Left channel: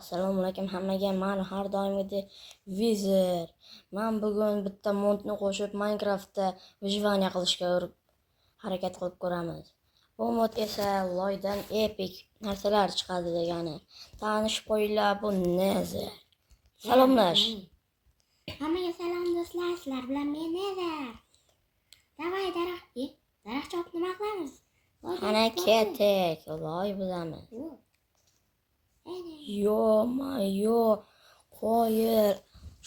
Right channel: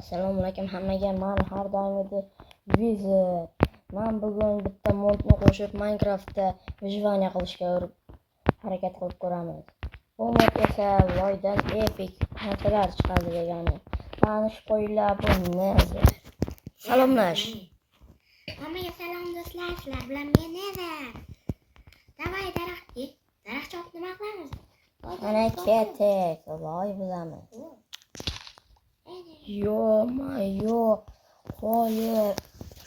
Assalomu alaykum hammaga. Men har doimgidek Wizard. Men bugun bitta modni qo'shib Minecraftda выживание qilishga harakat qilib ko'ramiz. Bu mod esa loydan epic narsalar chiqadi degani. Tanishib qo'yinglar, bu Nether. Salomlash. Hammaga salom do'stlar, sizlar bilan men Nether. Davay daraxt chopib nima qilamiz? Ana ketek, loy bilamiz. Yo, qo'yir.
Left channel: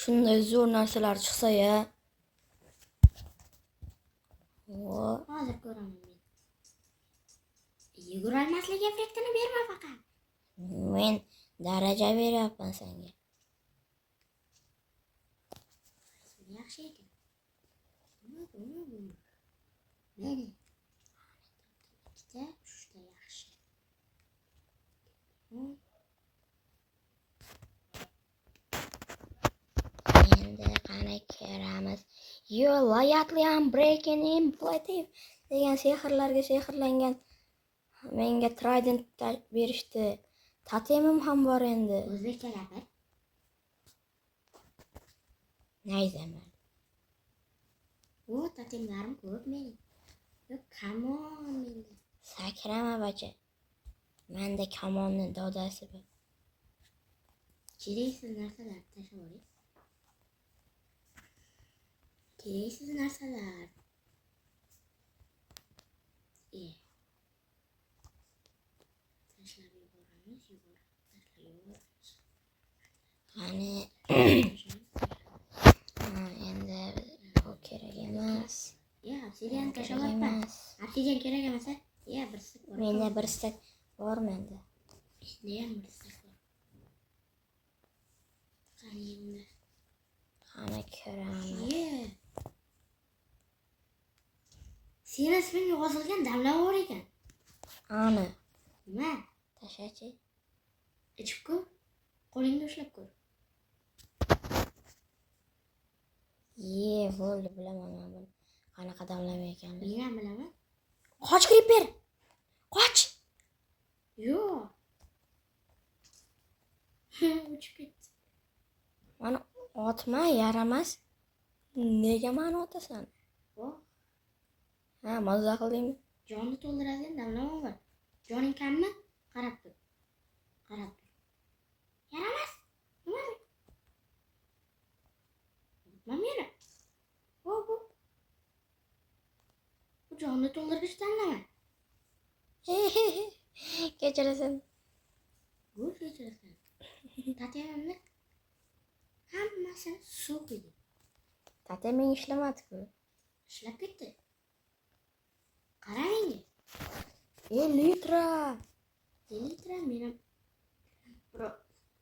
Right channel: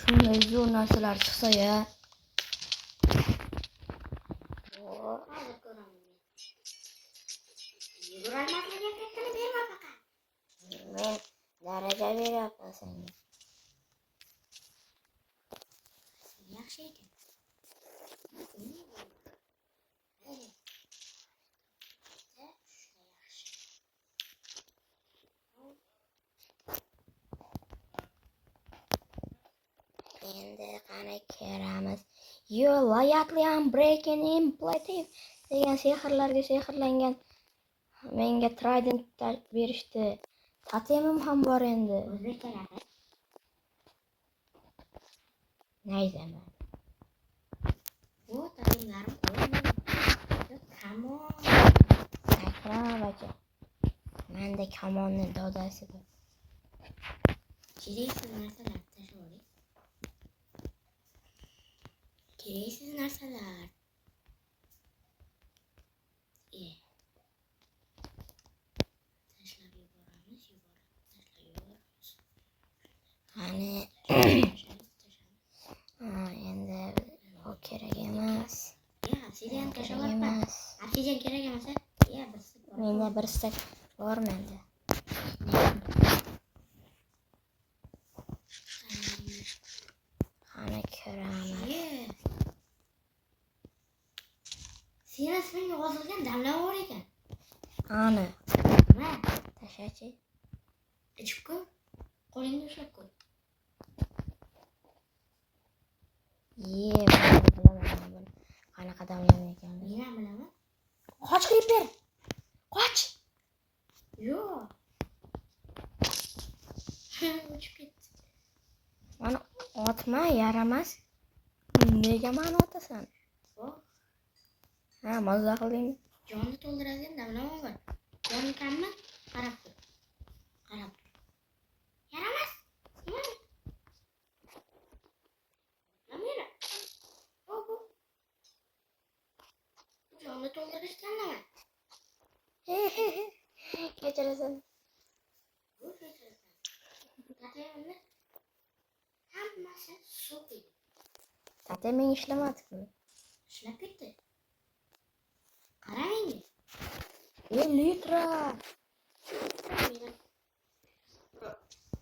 Shunday zo'r narsalar chiqsa-ya. Hozir ko'raman. Yugurmaslik effektini berma faqat. Men daraja beryapman senga. Yaxshi ekan. Neri? Juda yaxshi. Endi qani ko'ramiz. Yo, layatli breaking imperative degan sehrlarga sehrlangan menga trident berishdi. Totemim ham bor endi. O'zbek talabi. Nayzaman. Bu totemlarim qo'ymayman. Come on. Sakrama bacha. Menda kamonni dodasi bor. Kereksiz narsalar tashlaylik. Kereksiz narsalar. Tashlab yuboramiz. Qani endi bu kerak emas. Obsidian Kerak emas. Obsidian kerak emas. Bir stek bor. Menda bir stek bor menda. Qani ko'ramiz. Seni isming yozilgan damlar bor ekan. Ana. Nima? Tashachi. Ichib ko'r. Qo'lingda ushlab ko'r. Bo'ldi, bilaman buni. Qanaqa damlama ekanini. Men ham bilaman. Qoch creeper. Qoch. Yo'q. Uchib ketdi. Mana otma, yaramas. Nega meni otasan? Ha, mazza qildingmi? Jonni to'ldiradigan damlama bor. Joning kammi? Qarab tur. Yaramas. Nima? Mamira. Bu jonni to'ldirgich damlama. Kechirasan. Bu kechirasan. Tatemimni hammasi suv edi. Tateming ishlamadi-ku. Ishlab ketdi. Qarang. Litra. Meni.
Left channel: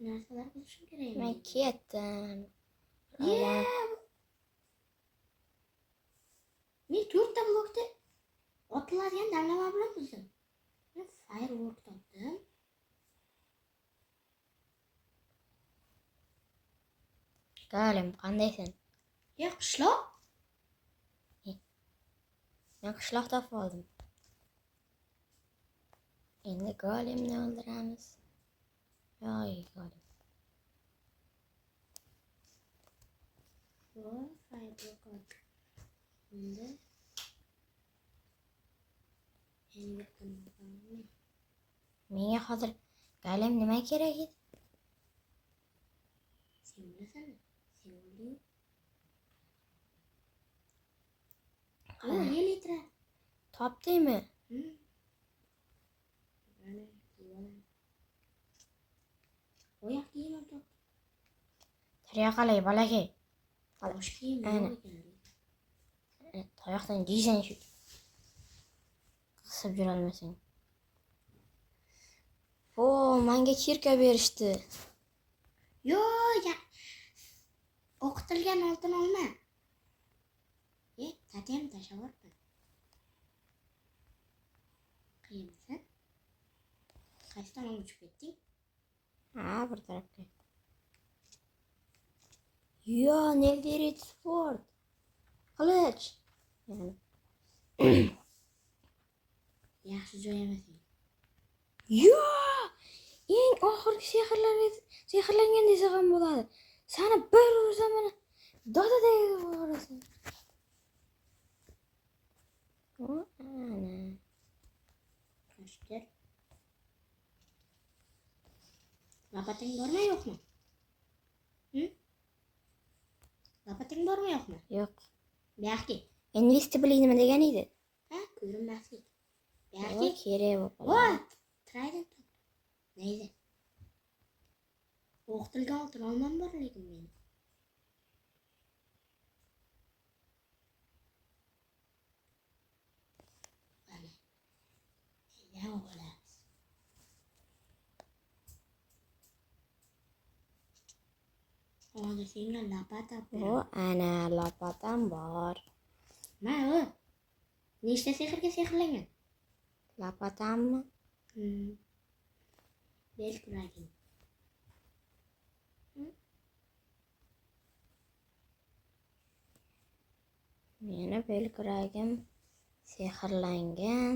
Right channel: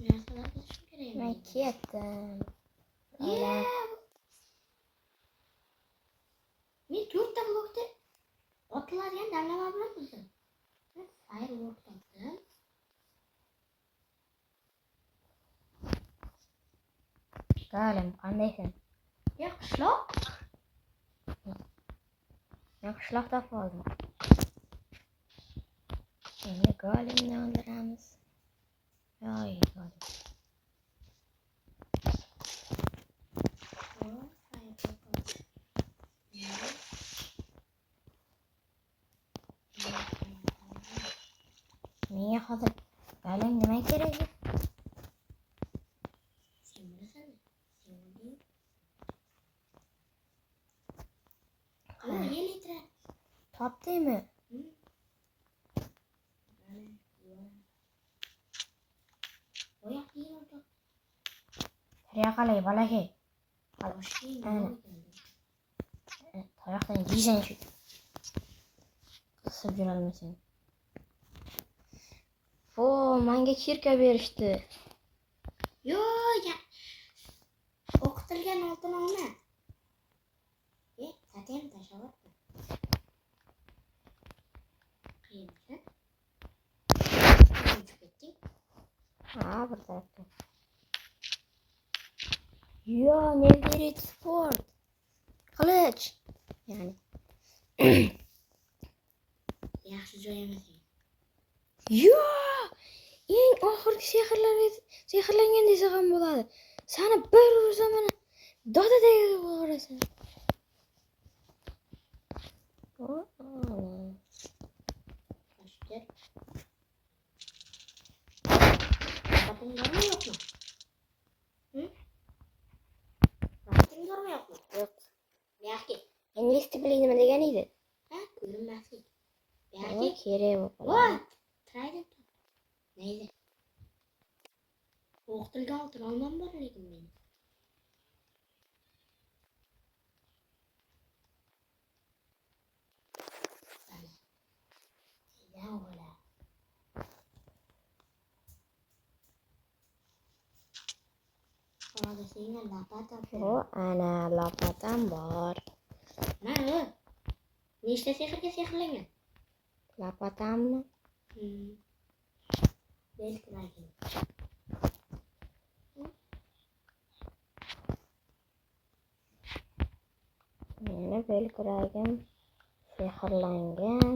Narsalar bo'lsin kerak. Men ketdim. Men 4 ta blokda otiladigan damlama bilan buzdim. Men firework topdim. Galim, qandaysan? Qishloq. Men qishloqda qoldim. Endi golemni o'ldiramiz. Yo'q, golim. Menga hozir golem nima kerak edi? Sen bilasan. Ana litra. Topdingmi? Tayoqalay balaki. Ana. Tayoqdan yeysan shu. Qisib yurolmasang. Menga kirka berishdi. Yo'q. O'qitilgan oltin olma. Tatem tashavordi. Qiyinsan. Uchib ketding. Bir tarafga. Yo, Netherite sport. Qilich. Ya'ni. Yaxshi joy emas. Yo! eng oxirgi sehrlangan desa ham bo'ladi. Sani bir ursam mana dodadek bo'lasan. O, ana. Toshdir. Lapating bormi yo'qmi? Lapating bormi yo'qmi? Yo'q. Buyoqqa. Invisible nima degan edi? Ha, ko'rinmaslik. Yo'q, Buyoqqa. kerak bo'lib qoladi. What? Trident. Neydi? O'qtilgan oltin olmam bor lekin men. Ana. Neydan olamiz? Hozir senga lapata O, beraman. ana lapatam bor. Mana. Nechta sehrga sehrlangan? Lapatammi? Bel kuraging. Meni belkuragim sehrlangan.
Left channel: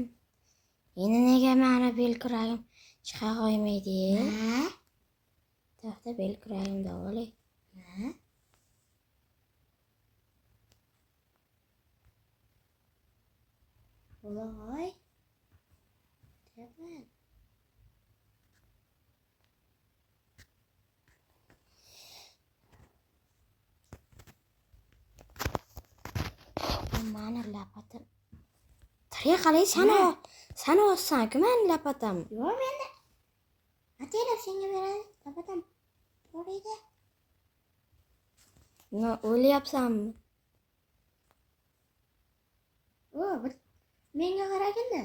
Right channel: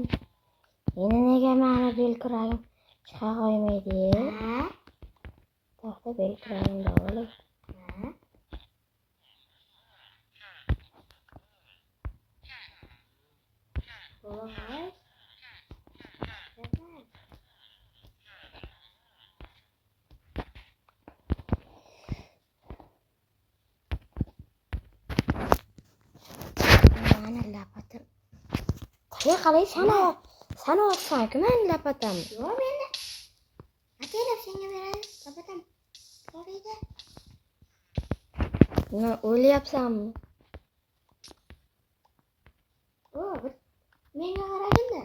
Endi nega meni belkuragim chiqa qo'ymaydi? Ha? To'xta, belkuragim davoli. Ha? Voy. Yapma. Mana lapatam. Tari qalay sana olsan-ku meni lapatam. Yo'q menda. Ataylab senga beradi. Lapatam. Borida. Nima o'ylayapsanmi? O, menga qaraganda.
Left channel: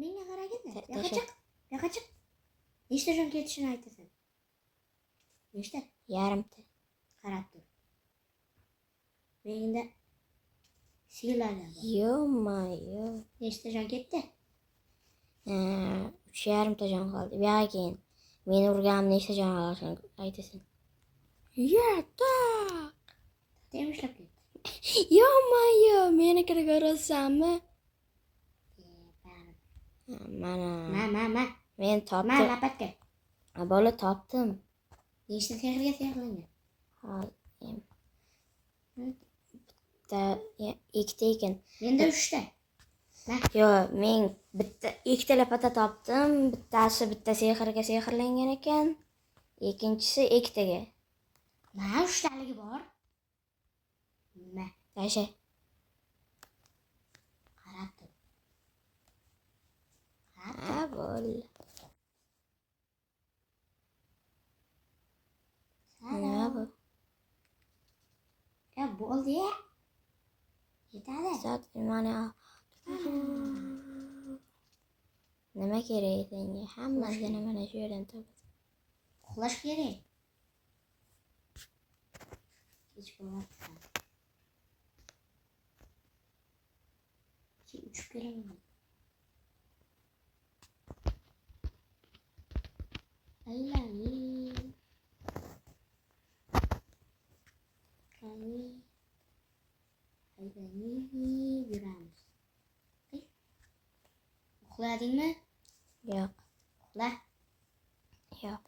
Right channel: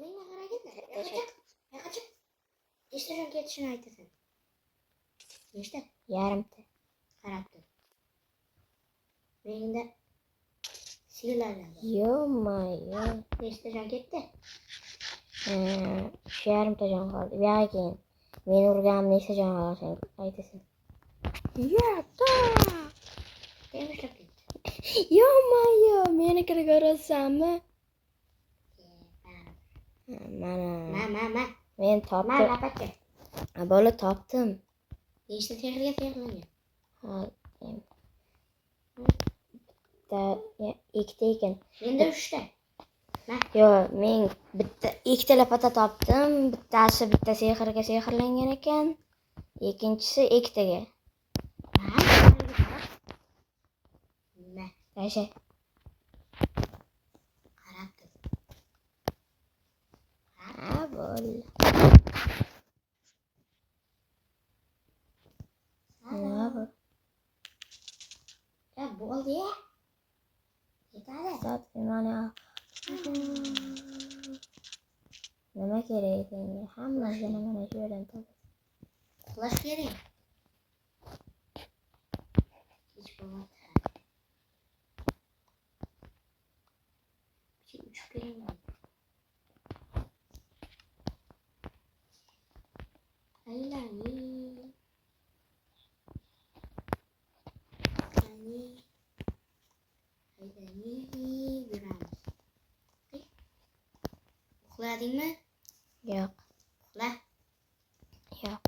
Menga qaraganda. Yo'qa chiq. Nechta jon ketishini aytasan? Nechta? Yarimta. Qarab tur. Menda sigirlardan bor. Yo-mayo. Nechta jon ketdi? Shu yarimta jon qoldi. Bu yoqqa keyin. Meni urganim nechta jon olishini aytasan. Yo'q. Temishlab ketdi. Yo-mayo, meni ko'rasanmi? Mana. Ma. Men Ma topdim. lapatka. Bola topdim. Nechta sehrga sehrlangan? Hozir. Bitta, ikkita ekan. Menda 3 ta. Yo, men bitta ikkita lapata topdim. Bittasi bitta sehrga sehrlangan ekan. Ikkinchisi ikkitaga. Ma. Tasha. Qarab tur. Ha, bo'l. Nima bu? Ya bo'ldi ya. Yetadi. Zot mana. Nima kerak senga? Hammasini mana shu yerdan topasan. Uxlash kerak. Kech bo'lmoqda. Uchib kelaman. Yuramiz. Uxladingmi? Yo'q. Uxla. Yo'q.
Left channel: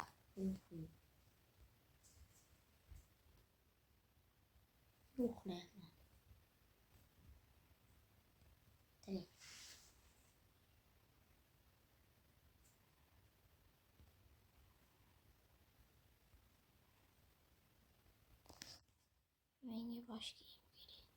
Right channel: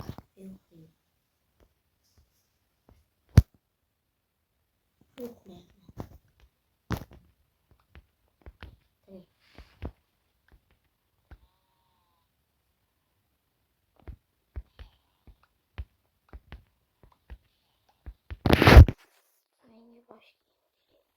Uxla. Menga bosh kiyim kerak.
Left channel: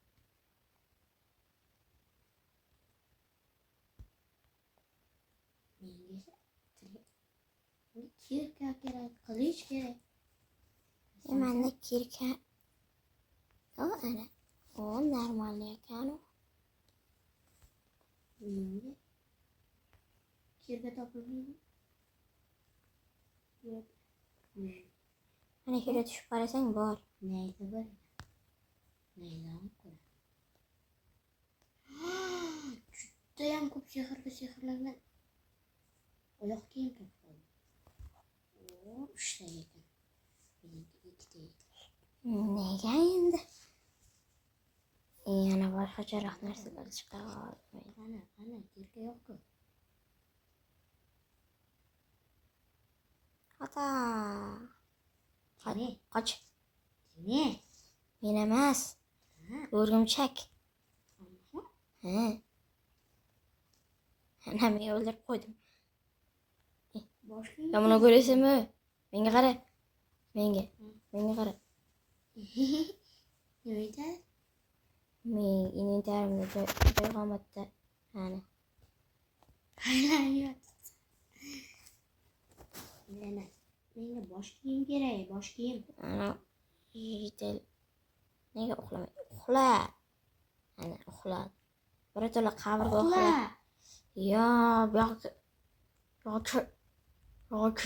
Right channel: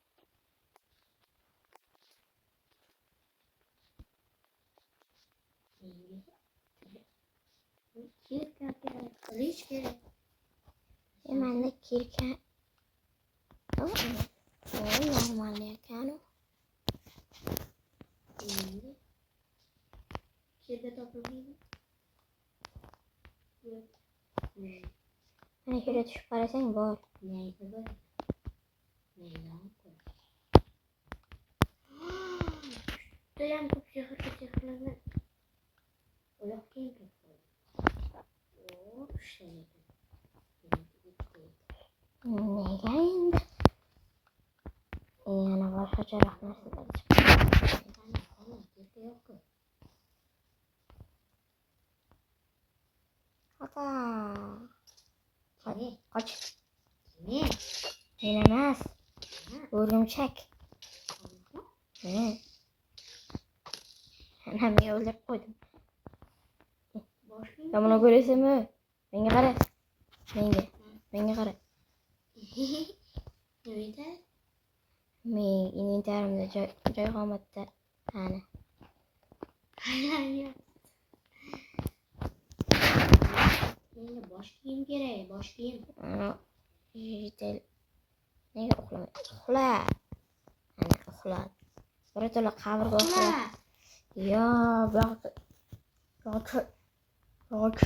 Kirka kerak, qilich kerak. Menda kirka. O, normal ekan. Kirka topilmaydi. Yo'q. Mana shu yerga tushib qarasang bor. Neydi bu? Neydan ko'r. Judayam ko'p sehrlangan. Oyoq kiyim topdim. O, 3 ta ekan. Meniki 2 ta ekan. Nega endi? Yana boshqacharoq narsalar chiqdi. Qani, kirka yo'q-ku. Ata. Kimi? Qoch. Kimi? Men emas. O'rgimchak. Ana men o'ldirib qo'ydim. Boshqa Ya buni ko'raysizmi? Menga qara. Menga qara. nima edi? Men inventarimda joy qolmadi. Ana. Menga bosh kiyim kerak, bosh kiyim. Ana jitel. Nega uxlamaydi? Uxla. Ana uxladi. Birato'la qabrga uxla. Ya, bu yoqda. Yo'q.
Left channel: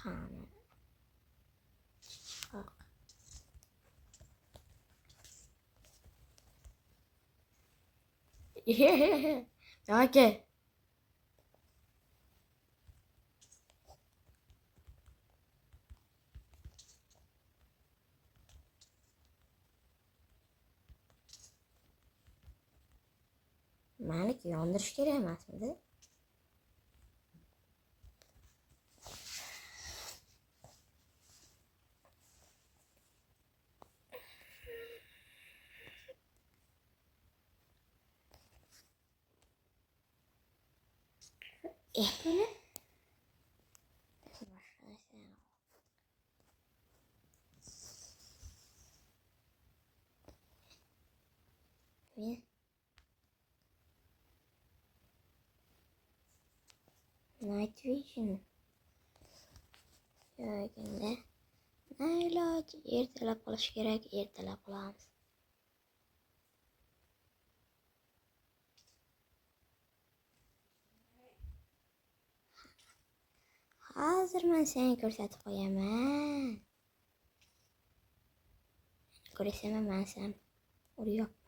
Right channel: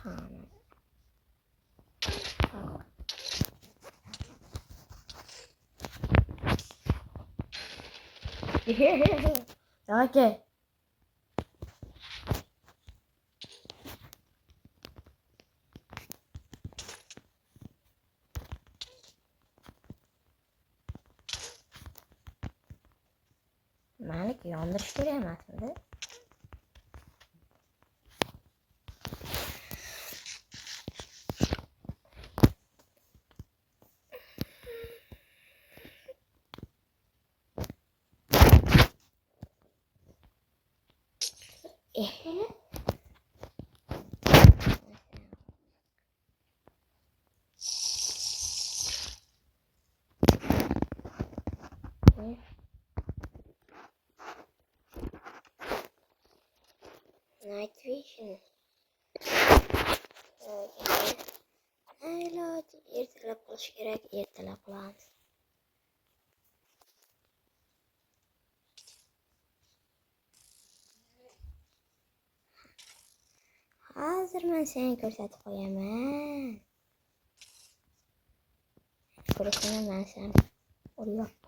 Qani. Yo'q. Malik yondirish kerak emasmidi? Night vision. Iloji ertalab qilish kerak, ertalab qilamiz. Hozir men seni ko'rsatib qo'yaman. Ko'rsana men seni uryapman.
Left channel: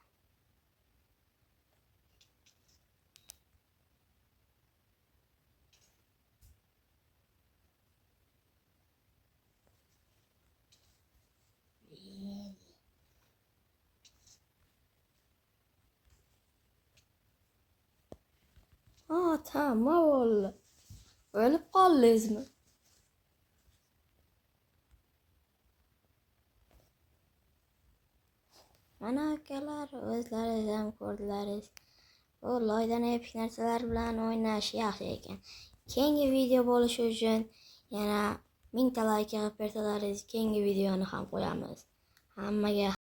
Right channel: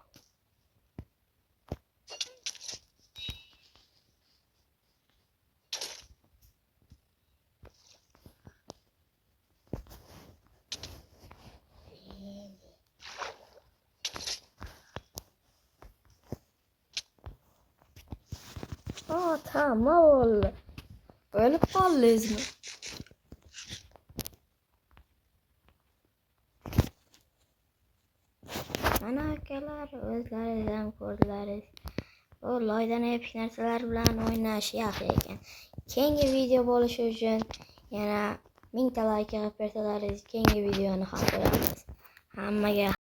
Tamam. O'lib qoldingizmi? Mana akalar, o'zlaringiz ham ko'rdilaringiz. Bu loydan epik narsalar bilan o'ynash yaxshi ekan. Keyingi video bo'lishi uchun yana 1000 ta like qilib bersalaringiz, keyingi videoni ham qo'yamiz. Hammaga